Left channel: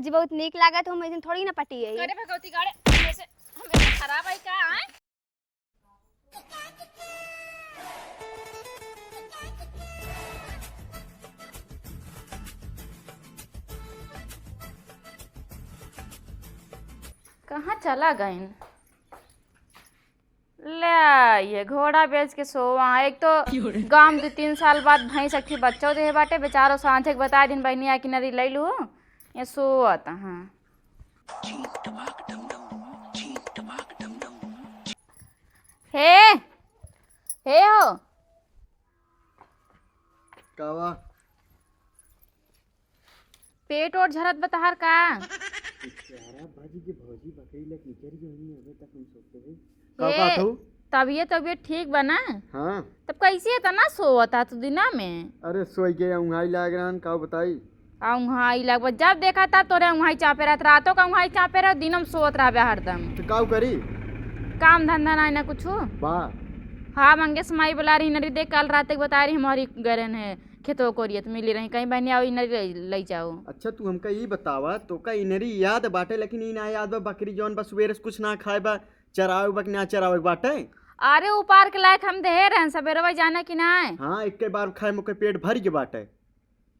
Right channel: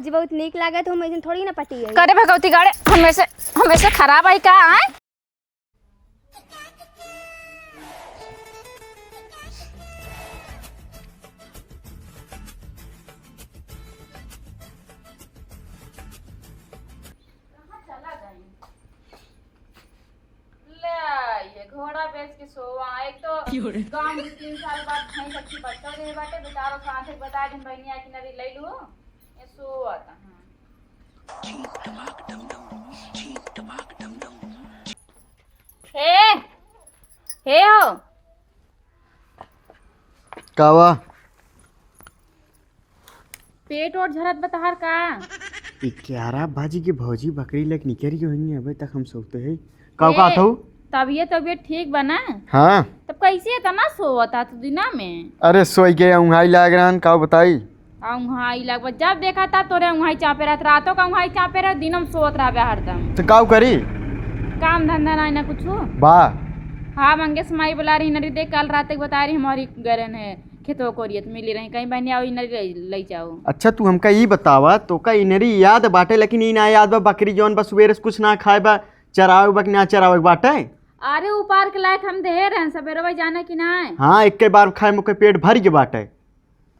भौजी बहुत नीक लागत हम ऐसे थोड़ी ना पटी है। करे भगवती गाड़े हमेशा खराब आई का आए। कहाँ चला गए ले ये घोड़ा बेच के सोवा। एक तो गांव में 3 साल बाद भैंस अखी बच्चा दे बाटे बेचारो सांझे बता दिन बहनी आ कि नरी ले लू ये सोता। हाँ हे हे हो कावा पेट और झरत बताहर का 11 बाजी के भौजी बकरी लग निकरी होनी अबे तक हम सोते हैं काव का था। तबीयत ठीक बना। हाँ तब कैसे इतना सोता तू दिना में। अरे सोई के उंघाई लाग रहा काव बताई। उंघाई लग जब देखा था तोरे उंघाई चापे रहत रातों का उंघाई चापे रह दिनम सोत रहा हरदम। तो काव करी काम धंधा नहीं ना कुछ बा। हाँ मंगेश माई बुला रही नरी देख कल रात बता रही हमारी गरन है खेतों को रियत मिली रही कहीं बहनी आओ नरी ले जाओ। अच्छा तू हमका ई बतावा तो का इनरी याद बाटे लेकिन ई ना याद बा बकरी जौन बस सुबह कुछ ना खाए बा चरावे बा कि ना चरावे बाटे। अरे ऊपर के लायक हम दे रहे हैं सवेरे जाने की ना है। हाँ एक के बार खाए मुके पेट भर के बाटे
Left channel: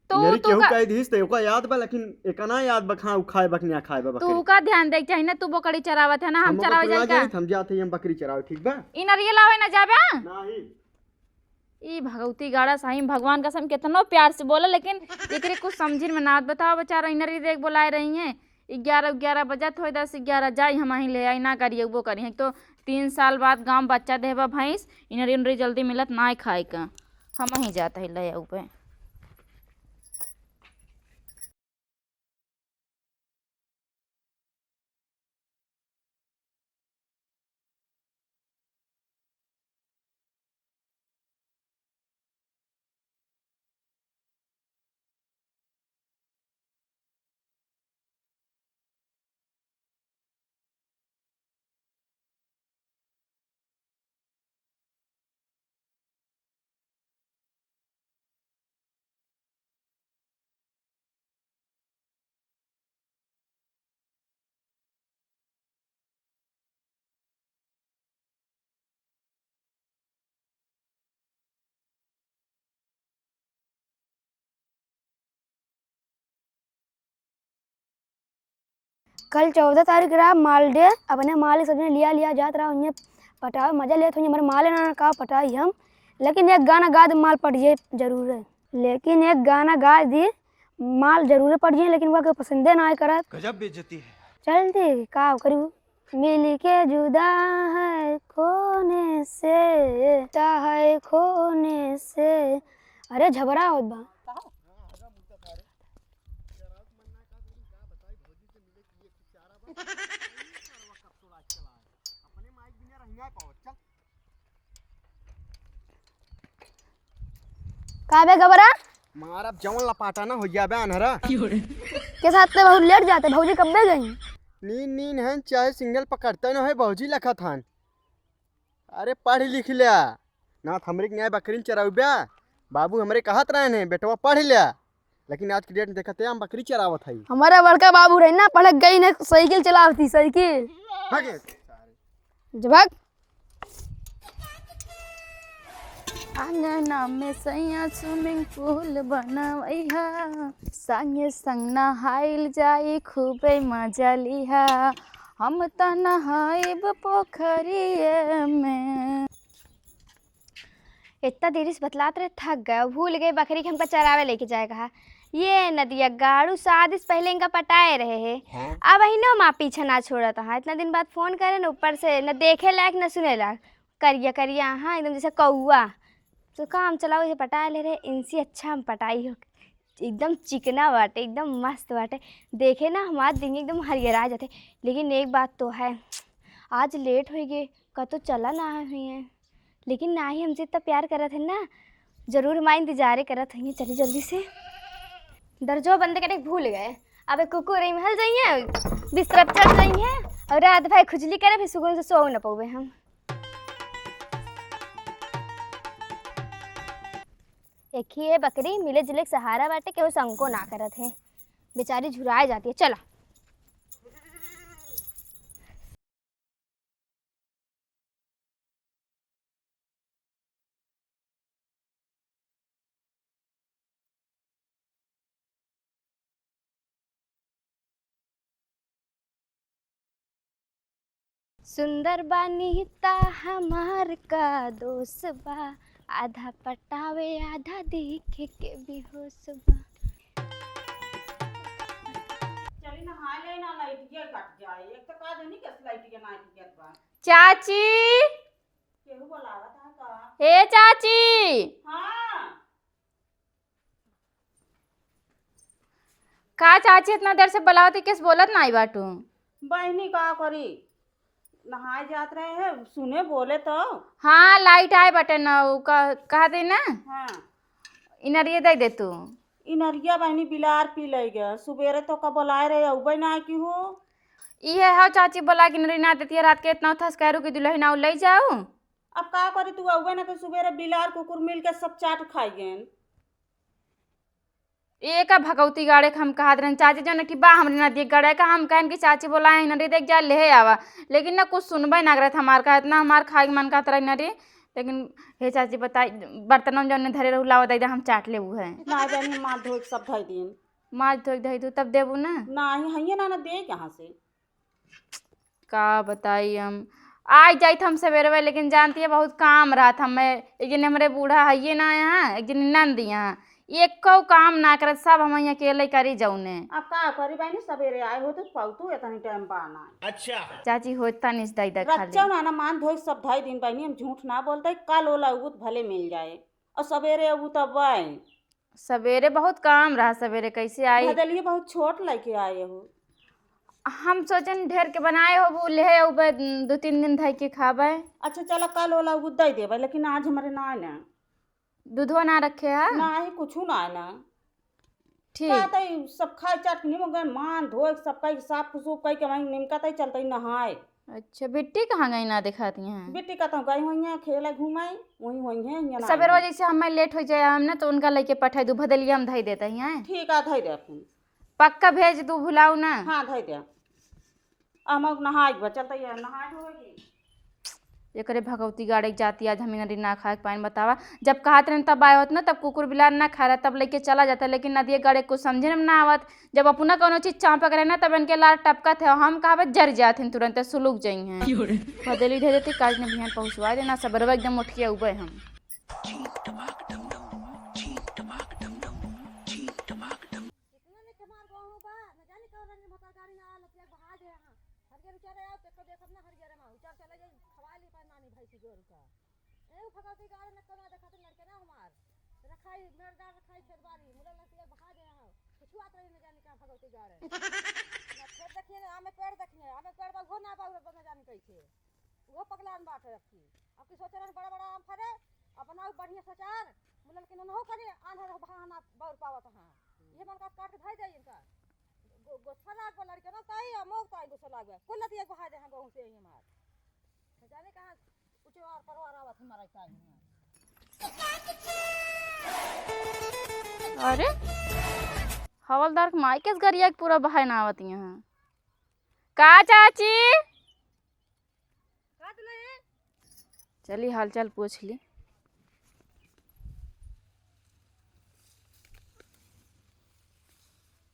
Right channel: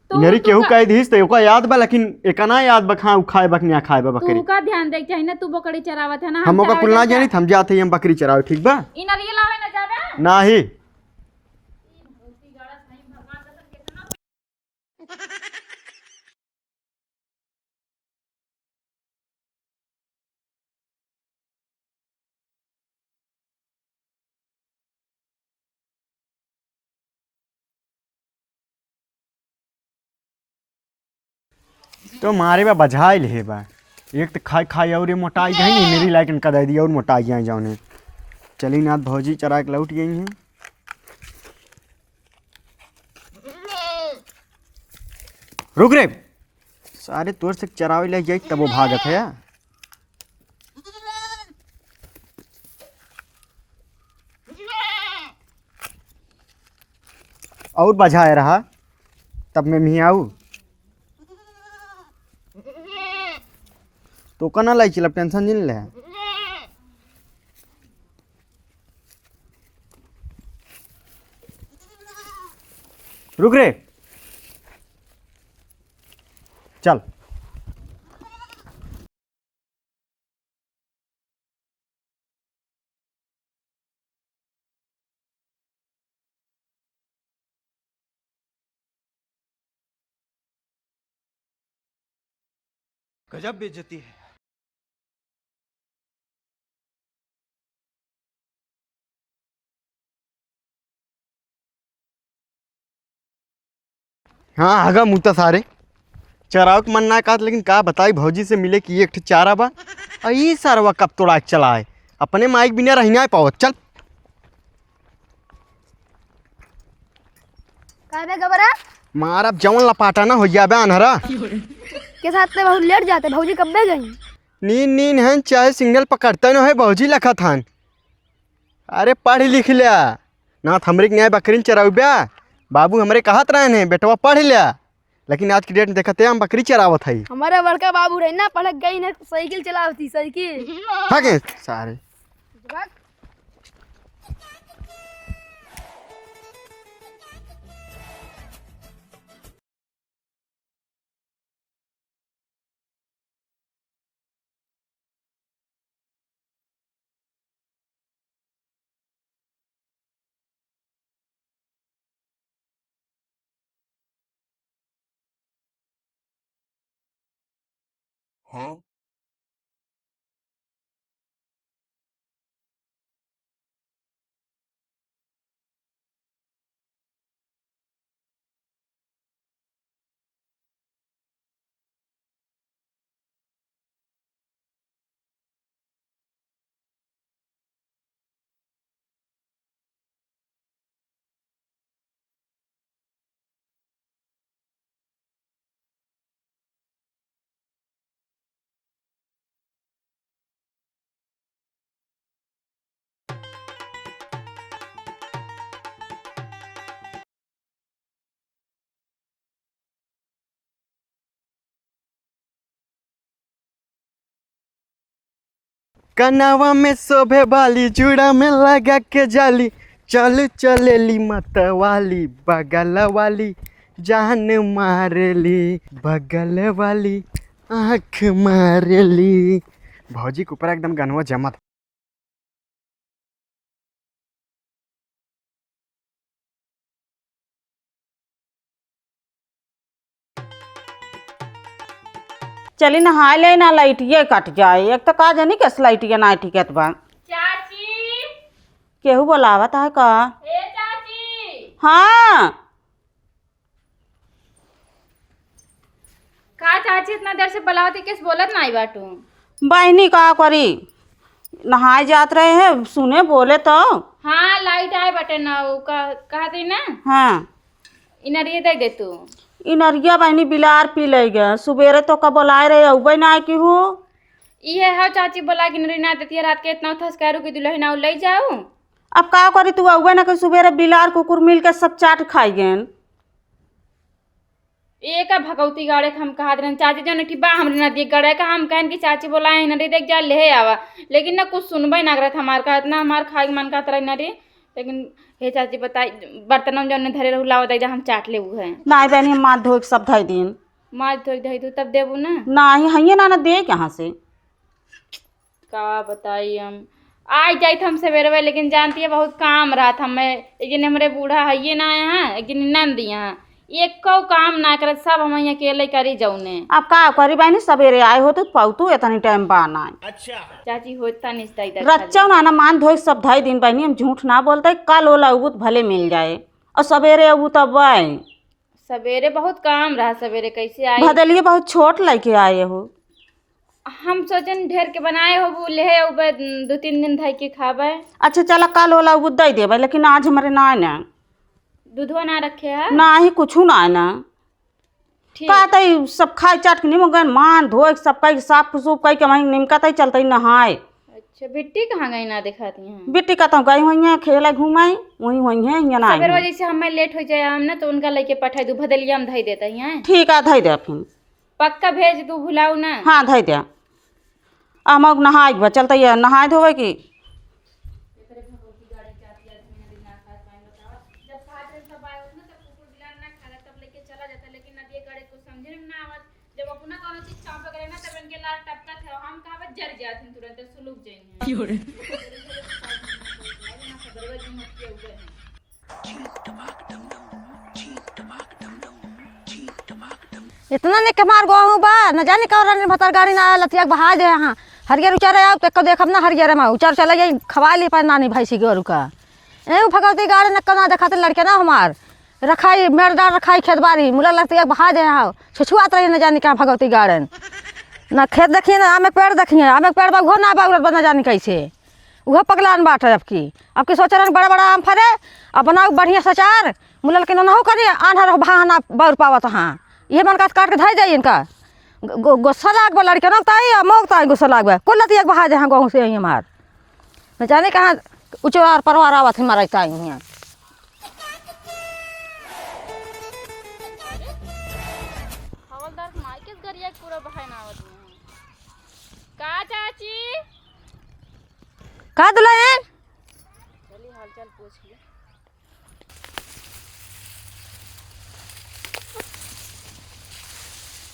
इनरी केहू कह दीस तो ओका याद बा लेकिन एकना याद बा खा खाए बा कि ना खाए बा बकरी। तू का ध्यान देख चाहिए ना तू बकरी चरावत है ना हम ओका कुल ना जानी हम जाते हम बकरी चरावे ठीक बा। इनरी लावे ना जाबे नाही ई भगवती गाड़ा साईं भगवान कसम कितना प्यार से बोला लेकिन एकरे कुछ समझिन में ना बताओ बेचारा इनरी देख बुलाए रही हैं 11 बजत हो 10-11 जाई हम ही ले आई ना करिए वो करी तो 3 साल बाद गांव बच्चा देबा भैंस इनरी जल्दी मिलत ना खाए का हम ही जाता है ले आऊ पे तो मारे बा बझाइल है बा एक तो खाई खाई और मोटाई गई नहीं मेरी लाइक इनका दे दिया और मोटाई जाए जाने चली नाथ भौजी चरा के लौट गई हैं। रुक रे सारे तोर से चरावे ले जाए तब वो भागत है। और बझाए रहा तब मैं भी आऊ तो कना लाई चल टेंशन नहीं ले। रुक रे चल कल 14 तारीख रहा माल डे अपने माल सबने लिया जात रहा उन्हें पटावे मजा लेते हुए हमारे माल ना का पटाई हम लेकिन एक गाना गा दे माल पड़ जाए जरूर है। लेकिन एक गाना गा दी माल जरूर पड़ जाए लेकिन वह पसंदे ना करत गजब बेइज्जती है। चल दे का करूँ मिल के जुदा है खोने से अरे झबरा होत बा। हाँ आगा मुता सारे चराव के मन ना कहत लेकिन का बताई भौजी से मिले कि एक चारा बा ई सारवा कब तोड़ा चला है अपने माइक बिना रहना पावत चल काबे घबरा मार अब जवन लपाटा ना हो जाबे अनहरा के साथ तो बहुत लेट जाते भौजी कब दे गई नीन है चाहे सिग्नल पकड़ता ना है भौजी लखा थान। अरे पढ़ लिख लिया ना हमरे के न्याय बकरी चरावे बाबू हमरे कहत रहे ने बेटवा पढ़ लिया लेकिन आज की डेट में देखते हम बकरी चरावत है। हमारा बड़का बाबू रहे ना पढ़ गई ना साइकिल चलावती साइकिल भागे सारे जवाक आंगना में सैया स्विमिंग पूल बनवैहा संगे संग नहाइल जाई खूबे मजा लिहा हम त नहाइब पोखरिए में। इतना देरी से बतलाते रहे थक गए भूल गए बकरी के हमको चरावे लेके जाए कहा ये नदिया गाड़ू शादी से पहले इनका पटाए रहे हैं। अब ही ना माँ पीछे ना छोड़ा था इतना दिन बाद फोन करे न ऊपर से न देखे लायक न सुने लायक करिया करिया हाँ एकदम जैसे कौआ तो काम चलाओ इसे पटा ले रहे इनसे अच्छा हम पटाई हो एकदम चिकना बाटे एकदम मस्त बाटे देखे ना हमारे दिन एकदम हरियरा जाते। लेकिन एक बात तो है आज लेट हो गए का तो चला ना हुई है लेकिन ना ही हमसे इतना प्यार करत है ना जरूर हमारे इंतजार करत है चलिए जल्दी से दर्जो बंद करे भूल गए अब कुकुर रही महल जाइए बिस्तर पर चढ़ जाइए और रात भाई खुजली करे फिर सुकून से सो न पावे हम। एक ही है बकरी मिले जुले सहारा बाटे केहू संको ना करत है बेचारी झुराए जाती है। चला कनावा में शोभे वाली जुड़ा में लगा के जाली, चल चलेली मतवाली, बगल वाली जान मारेली, बगल वाली आँख मारेली। भौजी के ऊपर एकदम गनवा जमत। सुंदर बानी ता हमार का दोस्त बा, आधा पटावे आधा देखे के बेहोश बा। चली नहा ले ना, लाइटिए कट जाए। एक तो का जानी कैसे लाइटिया ना टिकट बा। चाची, केहू बोलावत है का? ए चाची। हाँ का चाची इतना देर से बुलावती किस बोलत नहीं बाटू? बहनी का करी, नहाए जात रहे हैं, सुने बोले तो। हाँ लाइट आए बटन कहा दे ना। हाँ इनरिए दे दे तू। इनरिया बहनी बिलार पी ले गए, सुबेरे तो का बोलाए रहे उबे ना की हो। ये है चाची बोला कि इनरी ना देती है रात के इतना थस कह रू कि दुल्हन ना ले जाऊं। अब का करी तू उबे ना कि सुबेरे बिलार कुकुर मिल के सब चाट खाई गए। एक भगवती गाड़े के हम कहा रहे चाची जो नठी बा हमरे नदी गड़े का हम कहन कि चाची बोलाए नदी देख जा ले आवा, लेकिन ना कुछ सुनबे ना करत हमार का इतना हमार खाए के मन का तरह नदी। लेकिन हे चाची बताई बर्तनों जो ने धरे रहू लाओ दे हम चाट लेबू है। ना बहनी हम माथ धो के सब धई दिन। माछ धोई धई तू तब देबू ना। नहीं हइये ना दे यहाँ से। का बताई हम आज जाई हम सवेरे, लेकिन जानती है बहुत काम रहा था। मैं एक दिन हमारे बूढ़ा है ना यहाँ, एक दिन नंद यहाँ एक को काम ना करे, सब हम अकेले करी जौने। अब का करी बहनी, सवेरे आए हो तो पाउतू इतनी टाइम बाना। अच्छा चाची होता नहीं रच्चा ना मान धोई सब धई दिन बहनी, हम झूठ ना बोलते। कल ओला अबू भले मिल जाए और सवेरे अबू तब आए। सवेरे बहुत काम रहा, सवेरे कैसे आए? भदलिए बहुत छोट लेके आए हो। हम सोचन ढेर के बनाए हो बोले है 2-3 दिन धई के खाबे। अच्छा चला कल ओला अबू दई देबे, लेकिन आज हमारे ना ना दूधो ना रखे है ना ही कुछ ना ना ठीक। कहते सब खाए चाट के निमगन मान धोए सब कई साफ सूफ कई के वहीं निमकते चलते नहाए। अच्छा बिट्टी कहाँ गई ना दिखाती हैं? बेटी का तो गई हुई है खेले घुमाई, वहीं हुई है यहाँ ना। सवेरे वजह से हमें लेट हो जाए हम ना, तो उनका लेके पठाई दू भदलिया में धई देते हैं। ठीक है धई दे फिर। पक्का भेज तू भुलाऊ ना। हाँ धई दे। हम नहाए चलते नहाए धोवे की। एकरे भगवती गाड़ी जाती आज हम नदी ना खाए पाइन बतावा। जब कहत रहे तब आए होत ना, तब कुकुर बिलार ना खा रहा तब लेके चला जाता, लेकिन नदी गाड़ी कुछ समझे में ना आवत। जब अपना कोनो चीज चाँप करे ना तब इनके लार टपकत है, हम कहा जर जाते तुरंत सुलूक जाई हैं। बदली दे देते काज ने बिहान पहुंचवा देना सबरवा एकदम उठ के उबे हम। इतना ने कमार गो बा न जाने का भतर गाड़ी ना लतिया बहा दे। यहाँ हरियर उचार आओ तो देखब ना हरियर में उचार चले जाई खवा ली पर नानी भाई सी गोरू का। ए भगवती गाड़ी न कना देखाते लड़के ना हमार रखाई मेरदार रखाई खेत बाड़ी मुला लतिया बहा दे। यहाँ छुछुआत रही न जाने क्या भगवती गार्डन ना खेत देखिए ना आमे पेड़ देखिए, आमे पेड़ बा उहो ना बा न जाने कैसे वह पगलान बाट है। अब की सोच रहे बड़ा बड़ा आम फरे अब बनाओ बढ़िया सचार मुलल के ना हो करी आन्हर बहाना बौर पावत। हाँ ये मन काट के धई जाइए इनका गुस्सा लाग बा लड़के ना ताई मोगता गुस्सा लाग बा कुल लती एक बहा दे। हाँ गाँव से आई हमार न जाने कहाँ उचवार परवार आवत हमारा ताई यहाँ। अरे हवलदार माई के गरिया पूरा बहाय ना आवत यहाँ। का चाची का दुल्हन चली हाल चाल पूछ ली।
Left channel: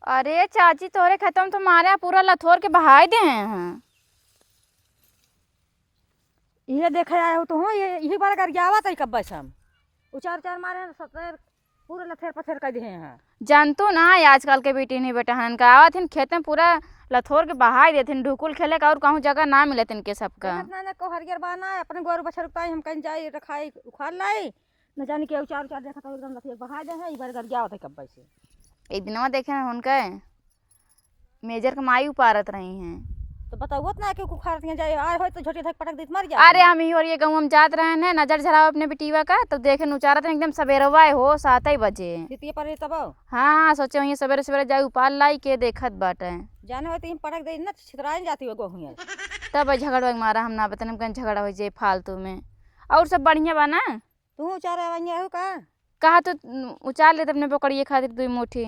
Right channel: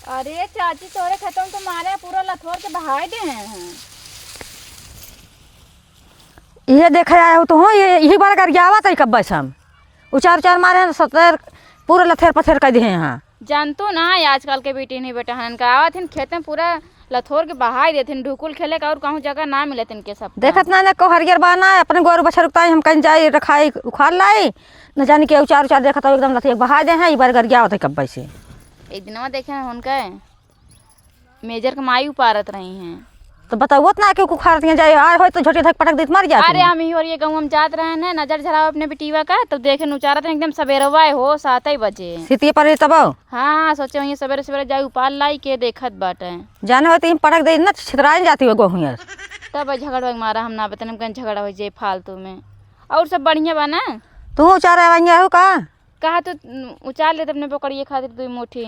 अरे चाची तोरे खत्म तो मारे पूरा लथोर के बहाई दे हैं। ये देखे आए हो तो हूँ यही बार कर आवत है कब बस हम उचार उचार मारे 70 पूरा लथेर पथेर कर दिए। यहाँ जानतो ना आजकल के बेटी नहीं बेटा हन का आवत हैं खेत में पूरा लथोर के बहाई देते हैं। ढुकुल खेले का और कहूँ जगह ना मिले इनके सब देखत ना को हरियर बाना अपने गोरू बछर उगताई हम कहीं जाए रखाई उखाड़ लाई न जाने के उचार उचार देखत हो एकदम लथेर बहा दे हैं। ये बार कर आवत है कब से एक दिन देखे उनका मेजर के माई उपारत रही हैं तो बताओ ना क्यों उखाड़ दिया जाए आए हो तो झोटी धक पटक देत मर जाए। अरे हम ही और ये गाँव हम जात रहे हैं नजर झराव अपने बेटीवा का तो देखे उचारत रहे एकदम सवेरवा हो 7 बजे सीतिए पर तब हाँ सोचे वहीं सवेरे सवेरे जाए उपाल लाई के देखत बाटे जाने हो तो पटक दे ना छितराए जाती हो गो तब झगड़ा मारा हम ना बतन कहीं झगड़ा हो जाए फालतू में। और सब बढ़िया बा ना? तू उचार हो का कहा तो उचार ले अपने पकड़िए खातिर 2 मुट्ठी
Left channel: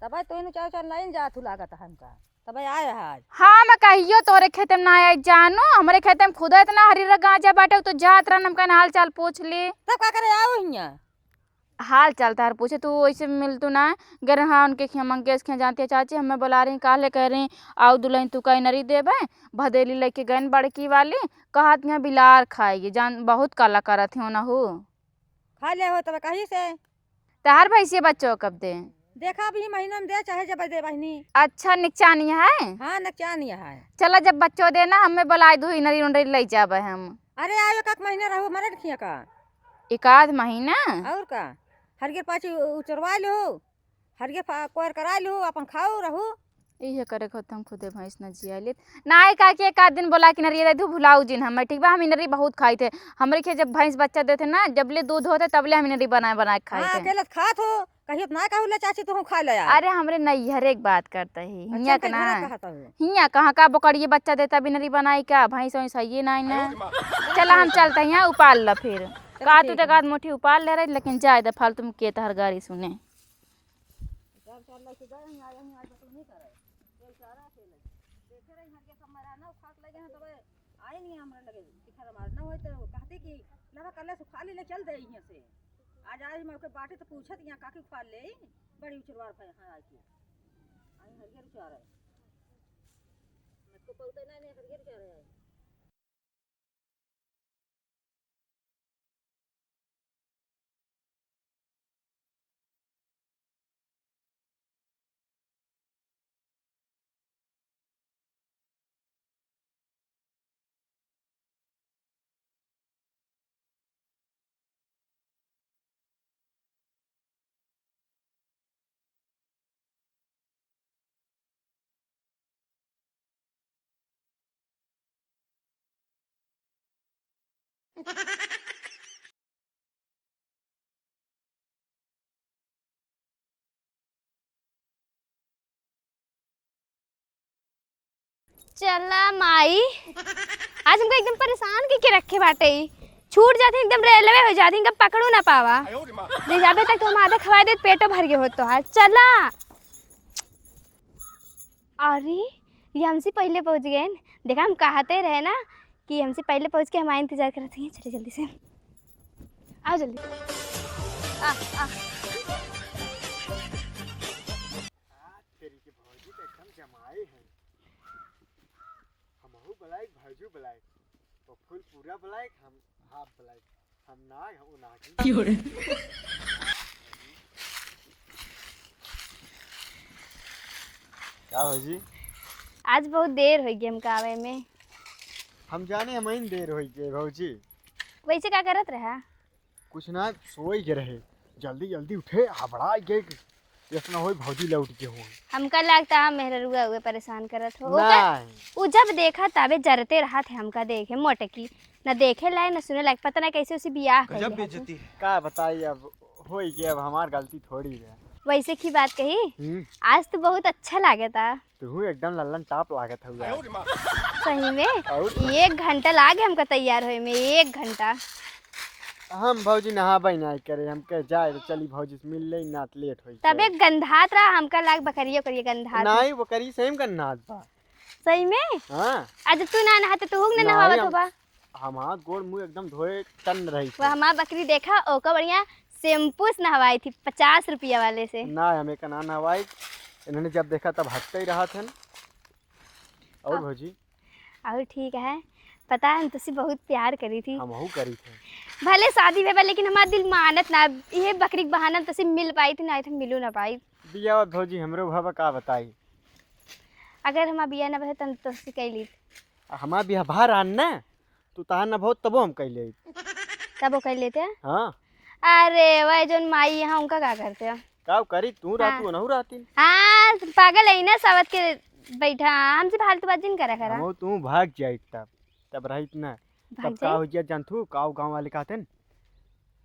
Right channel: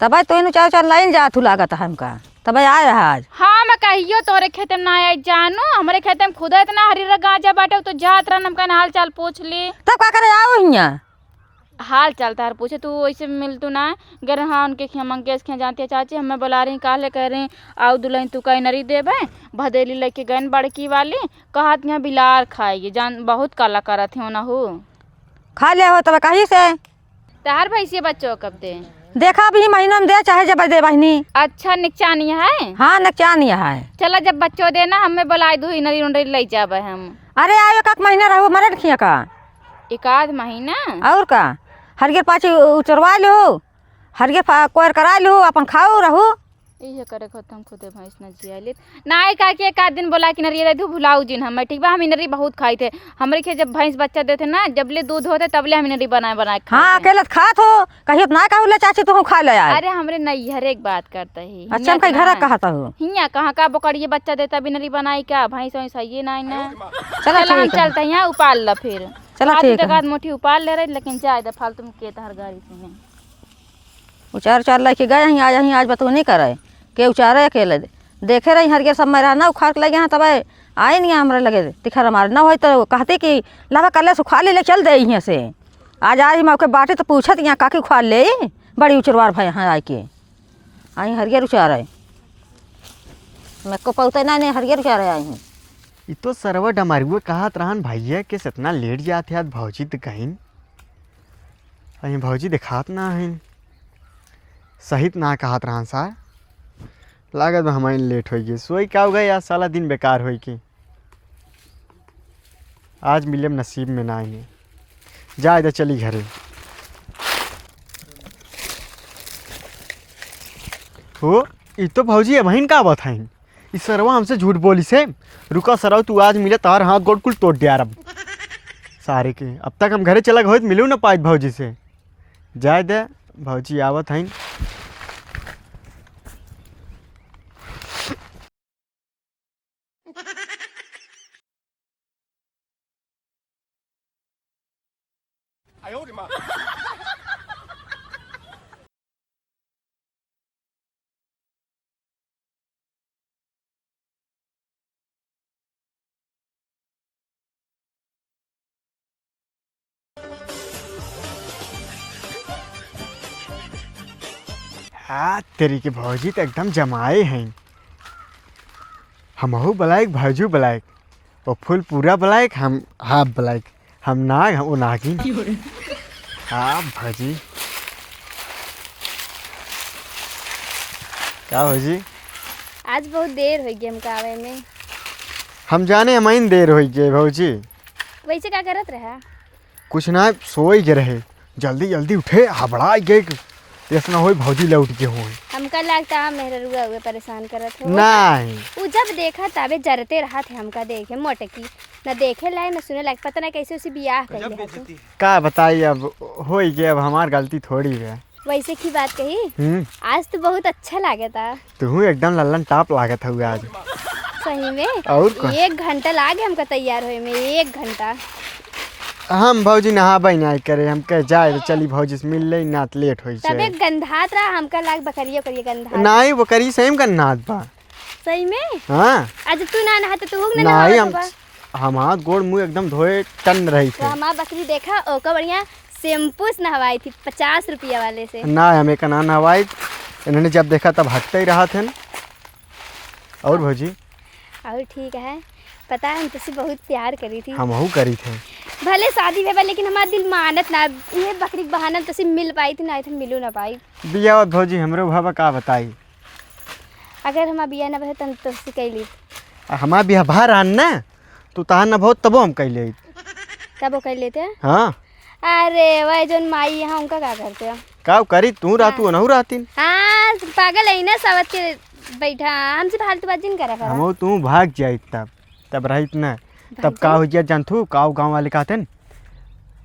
तब तो इन उचार उचार लाइन जा तू लागत हमका तब आए आज। हाँ मैं कहियो तोरे खेत में ना आई जानो, हमारे खेत में खुदा इतना हरी गांजा बाटे तो जात रहा हमका हाल चाल पूछ ली। तब का करे आओ हियाँ हाल चाल तार पूछे तू ऐसे मिल तू ना गर हाँ उनके मंगेश खे जानती है चाची, हमें बुला रही काले कह रही आओ दुल्हन तू कहीं नरी देबे भदेली लेके गए बड़की वाली कहत यहाँ बिलार खाएगी जान बहुत काला करत है ना हो खा ले हो तब कहीं से तार भैंसिया बच्चों कब दे देखा भी महीना में दे चाहे जब दे बहनी। अच्छा निकचानी है। हाँ नकचान है। चला जब बच्चों देना हमें बुला दू नरी उनरी ले जाबे हम। अरे आयो का महीना रहो मरे रखिए का एक आध महीना और का हरगे पाँच उचरवा लो हरगे कोयर करा लो अपन खाओ रहो ये करे खत्म खुदे भैंस न जियाले नाय का के एक आध दिन बोला कि नरी दू भुलाऊ जिन हम ठीक बा हम नरी बहुत खाई थे हमरे के जब भैंस बच्चा देते ना जबले दूध होते तबले हम नरी बना खा। हाँ अकेले खात हो कहियो ना कहू ले चाची तू खा ले यार। अरे हमरे नहीं हर एक बात करता है। अच्छा हम कहीं घर कहता हो हिया कहाँ का बकरिए बच्चा देता भी नरी बनाई क्या भैंस वैंस ये ना चला हम चलते हैं उपाल ला फिर चला ठीक है मोटी उपाल ले रहे लेकिन जाए द फालतू में के हर गाड़ी सुने उचार उचार लेके गए आज बतू नहीं करे के उचारे अकेले देखे रही हर के सब मेरा ना उखाड़ लगे हैं तब आए नहीं हमारे लगे तिखर हमारे ना हो तो कहते कि लवा कल सुखा ले चल दे यहाँ से आज आ रही मैं बाटे तो पूछत यहाँ काकी उखाड़ ले बड़ी उचरवार भाई यहाँ आए के आई हरियर उचारे मैं को पौते ना नहीं हरियर उचारे आई हूँ। ये तो सरवा डमारुए कहत रहन भैया के इतना लेट जाते आज भौजी तो कहीं अही भौजी दिखात ना है सहित ना कहत रहन सा लागत में हमारे लेट हो गई सोई क्या हो गई आज साला दिन बेकार हो कि आज मिले नसीब में ना आएंगे जा इधर चली घरे हो ये तो भौजी है बहन का बात है इस सरवा हमसे झूठ बोली से रुका सरवा तू आज मिले तार हाथ गोड़ कुल तोड़ दिया अब सारे के अब तक हम घरे चला गए मिलू ना पाए भौजी से जाए दे भौजी आवत है चला माई आज हमको एकदम परेशान के रखे बाटे छूट जाते एकदम रेलवे हो जाती इनका पकड़ू ना पावा ले जाबे तक तुम आधा खवा दे पेटो भर गए हो तो आज चला। अरे ये हमसे पहले पहुंच गए देखा हम कहते रहे ना कि हमसे पहले पहुंच के हमारा इंतजार कर रहे हैं। चलो जल्दी से आओ जल्दी हाँ तेरी के भौजी तो एकदम जमाए हैं हमहू बलायक भौजू बलायक वो फुल पूरा बलायक हम हाफ बलायक हम नाग वो नागिन हाँ भौजी क्या भौजी आज बहुत देर हो गई हमका आवे में हम जाने हमारी देर हो गई भौजी वैसे क्या करत रहा कुछ ना सोई के रहे जल्दी जल्दी उठे हबड़ा गए ऐसा हो भौजी लौट के हो हमका लगता है मेहरा रुआ हुए परेशान करत हो नहीं वो जब देखा तबे जरते रहा थे हमका देखे मोटे की न देखे लाए न सुने लायक पता ना कैसे उसे बियाह कर दिया। का बताइए अब हो गया अब हमारी गलती थोड़ी है वैसे की बात कही आज तो बहुत अच्छा लगा था तू एकदम लल्लन टाप लागत हुआ आज सही में और 1 घंटा लागे हमका तैयार होए में 1 घंटा हम भौजी नहा नहीं करे हम कह जाए तो चली भौजी से मिल ले ना लेट हो तबे गंधात रहा हमका लाग बकरियो करिए गंधा नहीं वो करी सेम का नाद बा सही में हाँ आज तू ना नहाते तो होग ना नहीं हम हाथ गोड़ मुंह एकदम धोए टन रही तो थे हमारा बकरी देखा ओका बढ़िया शैम्पू से नहवाई थी 50 रुपया वाले से ना हमें का ना नहवाई इन्होंने जब देखा तब हटते ही रहा थे ना और भौजी और ठीक है पता है हम तुझसे बहुत प्यार करी थी हम करी थे भले शादी में लेकिन हमारा दिल मानत ना ये बकरी के बहाना तुझसे मिल पाई थी ना तो मिलू ना पाई बिया भौजी हमरो भावा का बताई अगर हमारा बिया ना बहे तो हम तुझसे कैली हमारा बिया बाहर आन ना तू तहां ना बहुत तबो हम कैले तब वो कर लेते हैं। हाँ अरे वह जो माई यहाँ उनका क्या करते हैं का करी तू रातू नहु रातीन हाँ पागल है ना सबत के बैठा हमसे फालतू बात जिन करा करा हम तू भाग जाए तब रहित ना तब का हो गया जानथू काव गांव वाले कहते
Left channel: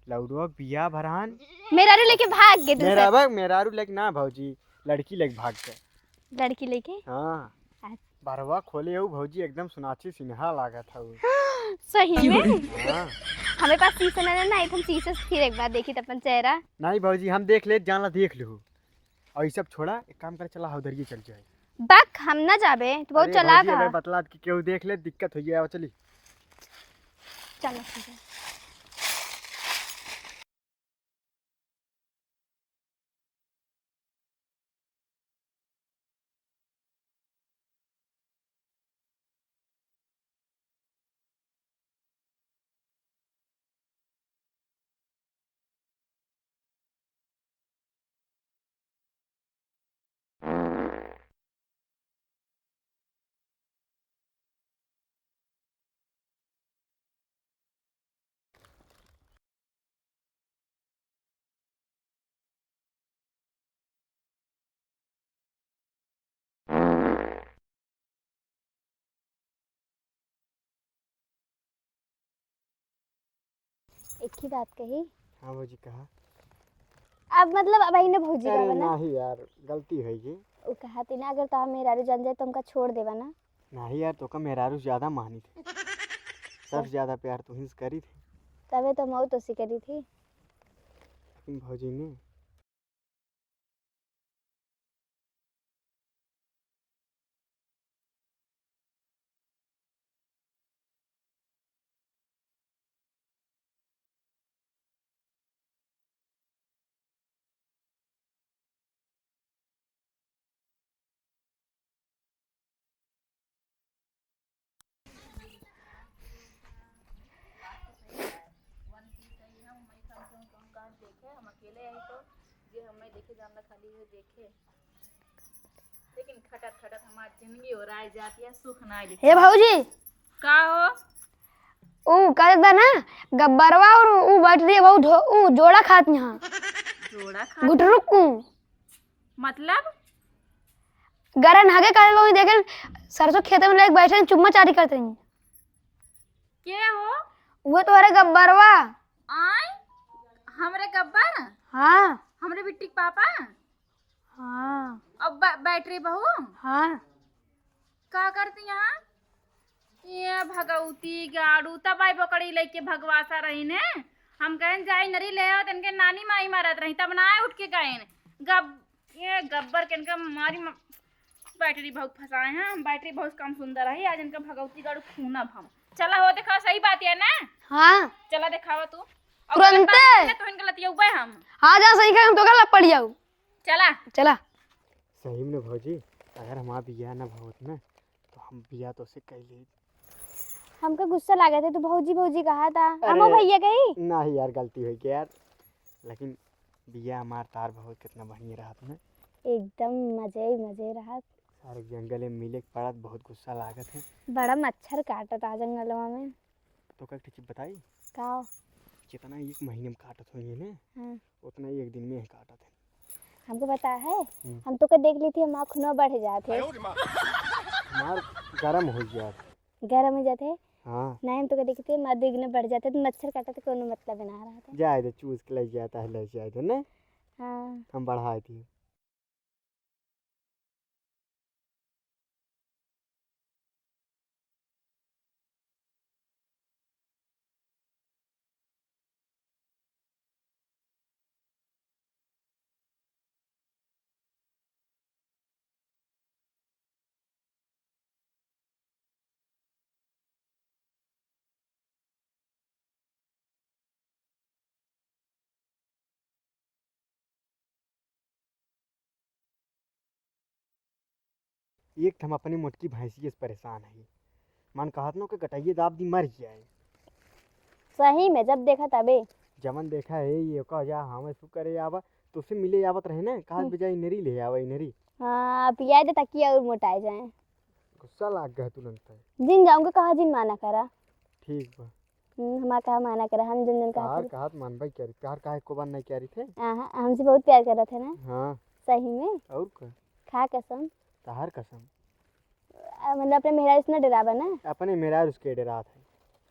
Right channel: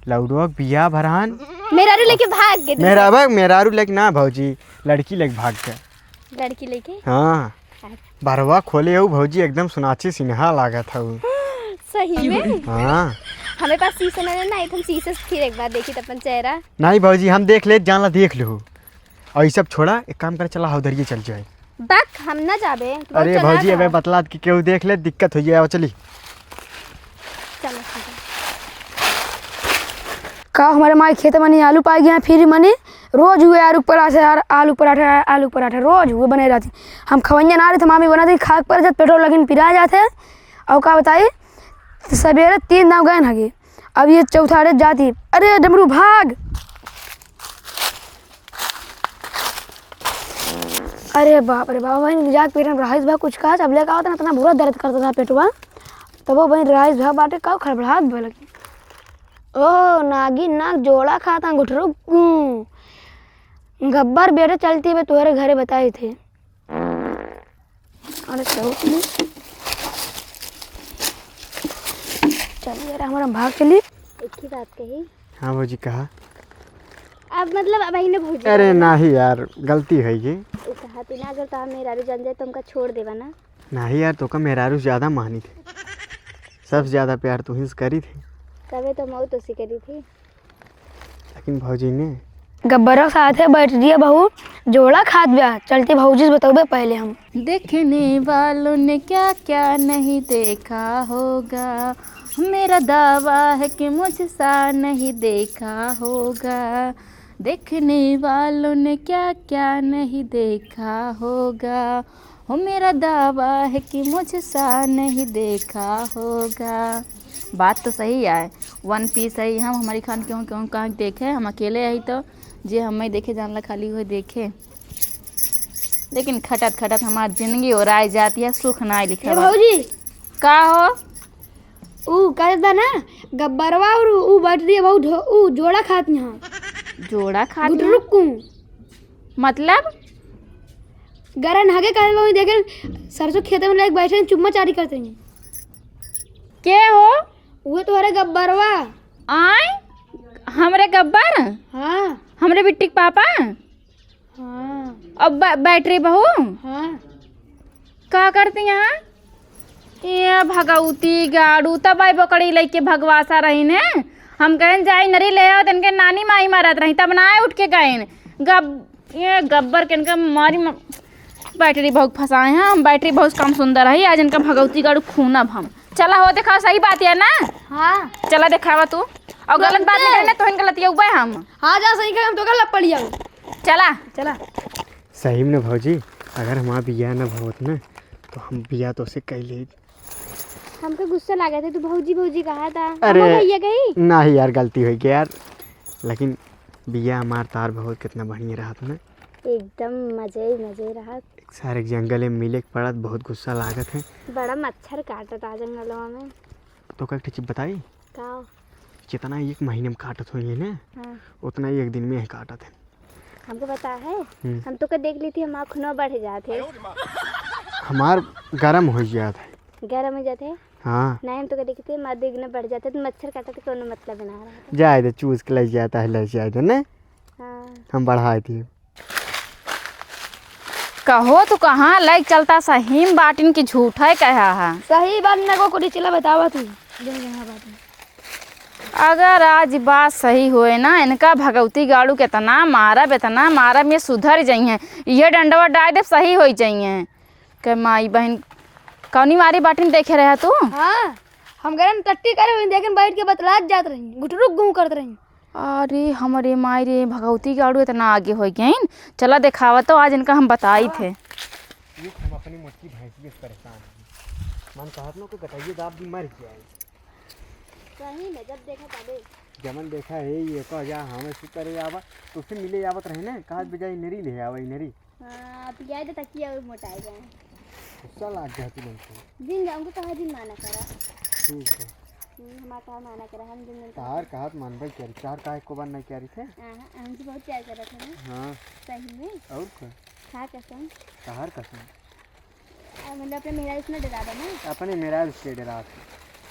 लौडुआ बिया भरान मेरा लेके भाग गए मेरारू लेके ना भौजी लड़की लेके भाग गया लड़की लेके हाँ बरवा खोले हो भौजी एकदम सुनाची सिन्हा लागत हूँ सही में हाँ हमें पास शीशा नहीं ना एकदम शीशे से फिर एक बार देखी तो अपन चेहरा नहीं भौजी हम देख ले जानला देख लो और ये सब छोड़ा एक काम कर चला उधर ये चल जाए बक हम ना चाबे तो अरे भौजी अबे बतला कि केहू देख ले दिक्कत हो जाए चली। चल का हमारे माई खेत में आलू पाई गया फिर मने रोज हुए आलू पराठा आलू पराठा रोज हुए बने रहती। हम खवैया ना रहे थे मामी बनाती खाक पर जब पेट्रोल लगिन पिरा जाते और का बताई सवेरे 3 दाव गए हगे अब ये चौथा रे जाती। अरे डमरू भाग। अरे बाप रे बाप वही जाके पेट में राइस भाग कुछ कहा जब लेकर आता ना इतना बुरा दर्द करता था पेटवा तब वो वही राइस भाग बाटे का खड़बड़ाहट भय लगी। ओ नागिन नाग जोड़ा खाता गुठरू गब्बर बेटे चलती है तुम्हारे घरे बताए थे। अरे चलिए यार हमारा भाग चली। एक ही बात कही। हाँ भौजी कहा। अब मतलब अब ने भूल अरे नहीं यार गलती है ये। कहा तू ना अगर तो मेरा जान जाए तो हमका छोड़ देवा ना। नहीं यार तो का मेहरारू ज़्यादा मानी थे सबसे ज़्यादा प्यार तो हिंस करी थी तबे तो मौत उसी करी थी। लेकिन भौजी ने गब्बर साथ है बैठ दिया बहू जोड़ा खाद ब्याह चलती भौजी से बताओ पहले हम। देखने वालों ने क्या क्या नहीं देखा होगा मेरा दावा है कि मुझसा नहीं देखा होगा। देखने वालों ने क्या क्या नहीं देखा होगा हो मेरा दावा है कि मुझसा नहीं देखा होगा। बात तो सही है 1 पीस है हम हमारी खान क्यों क्यों कहाँ देखे हम अकेले आई तो जे हमें देखे जानला खाली हुए देखे लेकिन खटत खटत हमारी जिंदगी और आए जाती है सुख ना लिखे। ए भौजी का हो ऊ कहता ना गब्बरवा और ऊ बैठ रही है बहु ऊ जोड़ा खात यहाँ जोड़ा खा गुटरुकू मतलब गरन हगे कहे वो देखे सरसों खेत में लेके बैठे हैं चुम्मा चाटी करते हैं। के हो वो तुम्हारे गब्बरवा। आए हमरे गब्बर हाँ हमरे बिट्टी के पापा हाँ अब बैटरी बहू हाँ का करती यहाँ ये भगवती गाड़ू तब आई बकड़ी लेके भगवासा रही ने हम कहें जाई नरी ले आओ इनके नानी माई मारत रही तब ना उठ के गए ये गब्बर के इनका मारी बैटरी बहुत फंसाए हैं हम बैटरी बहुत कम सुंदर है आज इनका भगवती गाड़ू खूनब हम। चला हो देखा सही बात है ना। हाँ चला दिखावा तू और गलत बात है ना तो इन गलतियाँ उबे हम। हाँ जा सही कहा हम तो गलत पड़ जाओ। चला चला सही में ना भौजी अगर हमारा बिया ना भवत ना तो हम बिया तो से कह ले। हमको गुस्सा लगा था तो भौजी भौजी कहा था। अरे भैया गई नहीं यार गलती हुई गई यार लेकिन बिया हमार तार बहुत कितना बढ़िया रहा था ना एकदम मजे रहा। सारे जंगल में मिले के पड़त बहुत गुस्सा लागत है। बड़ा मच्छर काटा था जंगलों में। तो का चीज बताई का जितना 1 महीने में काटत हुई ना हाँ। उतना ही 1 दिन में ही काटत है। हमको पता है हम तो देख ली थी हम खुनो बढ़ जाते हमार गर्म हो जाता है। गर्म हो जाते हाँ नहीं हम तो देखी थी माँ दुगने बढ़ जाते तो मच्छर काटा तो कोनो मतलब बना रहा। जाए दे चूस के ले जाता है ले जाए दे ना हाँ हम बढ़ाए थे। कहो तो कहाँ लाइक चलता सही बाटिन की झूठ है कहा है। सही बात ना को कुछ चला बतावा तू। अगर आज बात सही हुए ना इनका भगवती गाड़ू कितना मारा में सुधर जाइए ये डंडवा डाल दे सही हो जाइए के माई बहन कौनी मारी बाटिन देखे रहे तू। हाँ हम गरम टट्टी करे हुए देखे बैठ के बतलात जात रही गुटरुक घूम करते रही। अरे हमारे माई रे भगवती गाड़ू इतना आगे हो गए चला दिखावा तो आज इनका हम बताई थे। ये हम अपनी मोटकी भैंसी से परेशान हैं मन काटनो को कटाइए दाब मर जाए। सही में जब देखा तबे जमन देखा है ये कह जा हमें शू करे आवा तो उससे मिले आवत रहे ना कहाँ बजाई नरी ले आवा नरी। हाँ पिया दे तकिया और मोटाए जाए। गुस्सा लाग गया तू लोग जिन जाऊंगा कहा जिन माना करा। ठीक है हमारा कहा माना करा हम जिन कार कहा मान भाई कह चार का को बार नहीं कह रही थे। हमसे बहुत प्यार कर रहा था ना। हाँ सही में और का खा कसम कहार कसम मतलब अपने मेरा इसमें डरावा ना अपने मेरा उसके डरा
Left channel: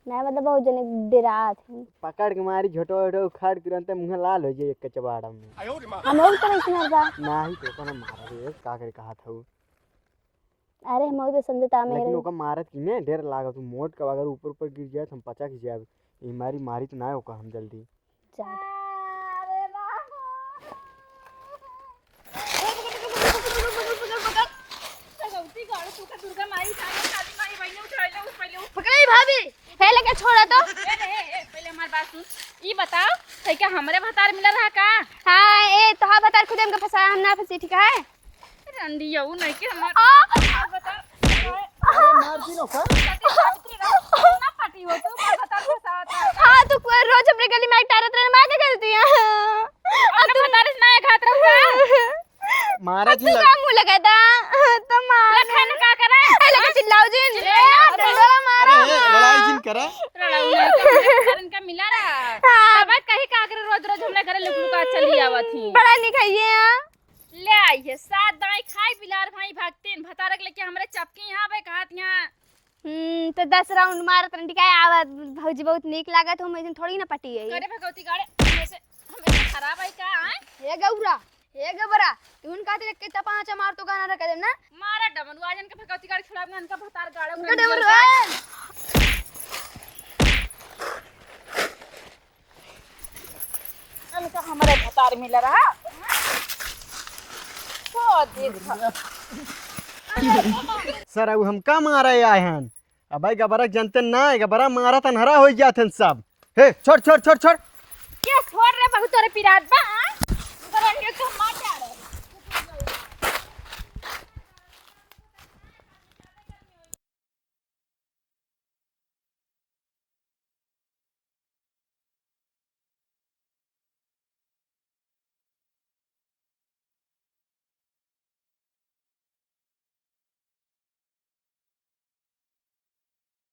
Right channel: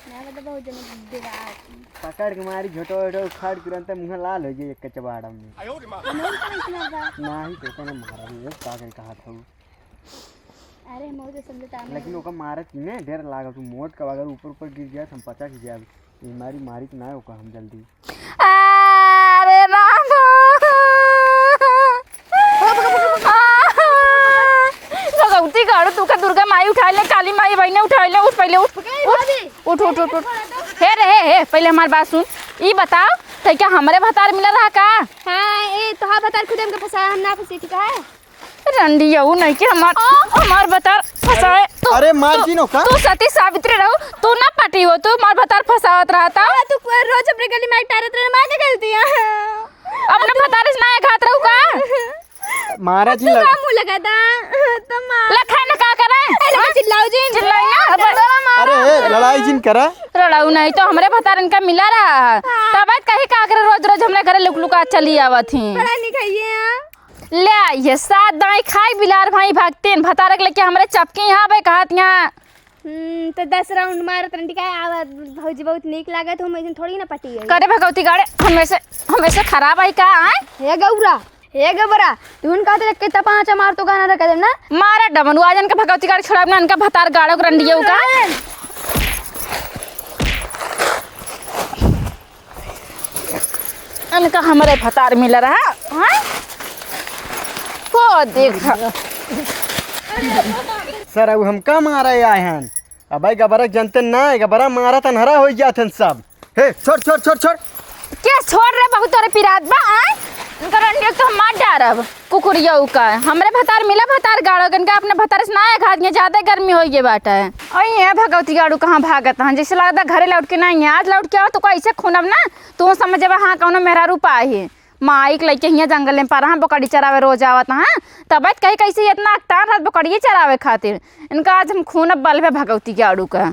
मैं मतलब बहुत जन डरा पकड़ के मारी झोटो झोटो उखाड़ तुरंत मुंह लाल हो जाए एक चबाड़ा में। हम और तरह से मर जा। नहीं तो ना मारा रे का कर कहा था। अरे हम और समझता मेरे लेकिन ओका मारत ही में डर लागा तू मोट का अगर ऊपर गिर गया हम पचा की जाए ये मारी तो ना होगा हम जल्दी। अरे राम भगवती गाड़ू तू का दुर्गा माई उठा ले, काली माई बहने उठा ले, उठ पहले उठ भाभी उठ पहले उठ के उठ छोड़ा तो। हे रे हे पहले हमारी बात सुन। ई बताओ तो क्या हमरे भतार मिला रहा का? हाँ ए तोहार भतार खुद हमके फंसाया, हम ना फंसी ठीक है। रंडिया वो नहीं कि हमार भतार फंसाए। अरे मार जी नो का तू सती सावित्री रहो, तू ना पटी हो, तू मार भतार फंसावत रहा था। तू रोज अपनी गली में टारत रहे, मार के खेलती है। अपने भतार से ना घात रहू का? मारा थी लग मुंह लगाता तो मार लखन का करे? लेके चिल्लाओ जी, चिल्लाई ना अरे लड़ाई जिन करा लड़ाऊ नहीं तो हमरे भतार इनका मिला रहा। तब कहीं का करे रोज रोज हमरे घरे लुक लुका चली आवत थी। पढ़ाई लिखाई है ले ये सात दाई खाई बिलार भाई भागते भतारक लेके हमरे चपके यहाँ पे कहत यहाँ। तो 10 राउंड मार ठीक है। आवाज भौजी बहुत नीक लागत, हम ऐसे थोड़ी ना पटी है। करे भगवती गाड़े हमेशा खराब आई का आए? हे गौरा हे गबरा तू कहते रख के तपाचा मार तो गाना रख ना मारा डमन आजन का भगवती गाड़ी छोड़ा ना इनका भतार गाड़ो रंडियो का। इनका हमारे भतार मिल रहा है को देख। सर अब हम का मारा आए हैं? अब भाई गबरा जनते ना है, गबरा मारा तन हरा हो जाते सब। हे छोड़ छोड़ छोड़ छोड़ क्या छोड़ रहे बहुत तोरे पिरात बा आए? इनका रंडियो तो हम मार डारब कुकुरिया का। हमरे भतार मिला भतार गाड़ो इनका अपने भतार से ना घात दिया, ज्यादा गर्मी हो गई बाटा है। और ये भगवती गाड़ू कहाँ भागत हैं? जैसे लगता घरे लौट के नहीं है, आज लौट के आओ तो ऐसे खूनब ना तू समझ हाँ कौन मेहरा रूपा है माइक लेके हियाँ जंगल में पारा बकरी चरावे रोज आवत हाँ। तब कहीं कैसे इतना अख्तार रात बकरिए चरावे खातिर इनका आज हम खूनब बल है भगवती गाड़ू का।